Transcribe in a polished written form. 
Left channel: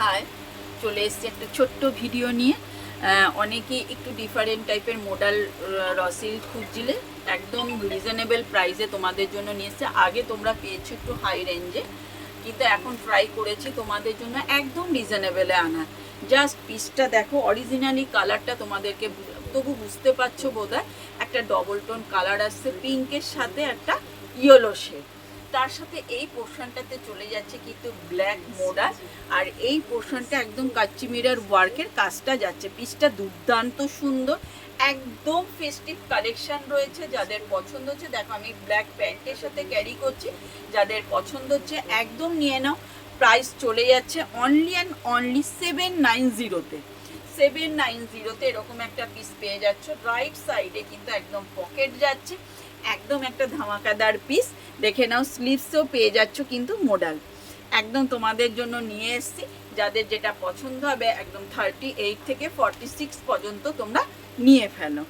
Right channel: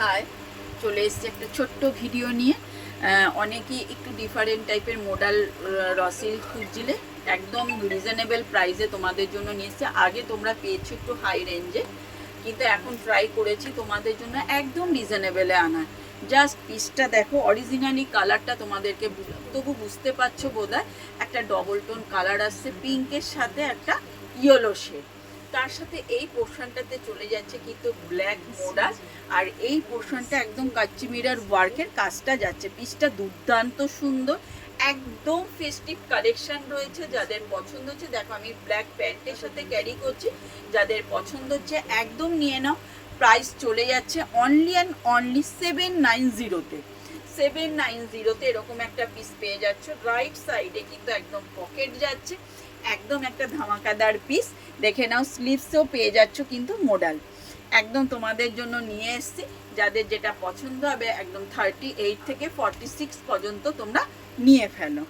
High, চলে এসেছি একটা ছোট্ট ভিডিও নিয়ে। অনেকেই একটু ডিফারেন্ট টাইপের মডেল রসিল খুঁজছিলে, একদম রিজনেবল প্রাইসে তোমাদের জন্য নিয়ে এসছে। আগে তোমরা পেয়েছো একটু হাই রেঞ্জে, কিন্তু এখন ট্রাই করেছি তোমাদের জন্য একদম রিজনেবলে আনা। জাস্ট পিসটা দেখো, অরিজিনালি কালারটা তোমাদেরকে তবু বুঝতে পারছো বোধহয়। একটা ডবল টোন কালার আসছে পিঙ্কের সাথে একটা ইয়েলো শেড, তার সাথে এই পোর্শনটাতে চলে যাচ্ছে কিন্তু ব্ল্যাক মোডাল, আর এই পোর্শনটা একদম কাচ্চি মিরার ওয়ার্কের কাজটা যাচ্ছে। পিসটা দুর্দান্ত সুন্দর, একদম ফেস্টিভ কালেকশন রয়েছে। যাদের পছন্দ হচ্ছে, দেখো আমি ব্ল্যাক প্যান্টের সাথে ক্যারি করছি, যাদের পছন্দ হচ্ছে একদম নিয়ে নাও। প্রাইস চলে যাচ্ছে অনলি অ্যান্ড অনলি 790-তে। 790-তে এরকম একটা পিস পেয়ে যাচ্ছ। রাইট সাইডে কিন্তু একদম পকেট যাচ্ছে, একদম একটা ধামাকাদার পিস। দেখে নাও, স্লিভসও পেয়ে যাচ্ছ কিন্তু মোডাল। একদম তোমাদের জন্য নিয়ে এসছি, যাদের যেটা পছন্দ হবে একদম 38 থেকে 46 পর্যন্ত তোমরা নিয়ে ফেলো।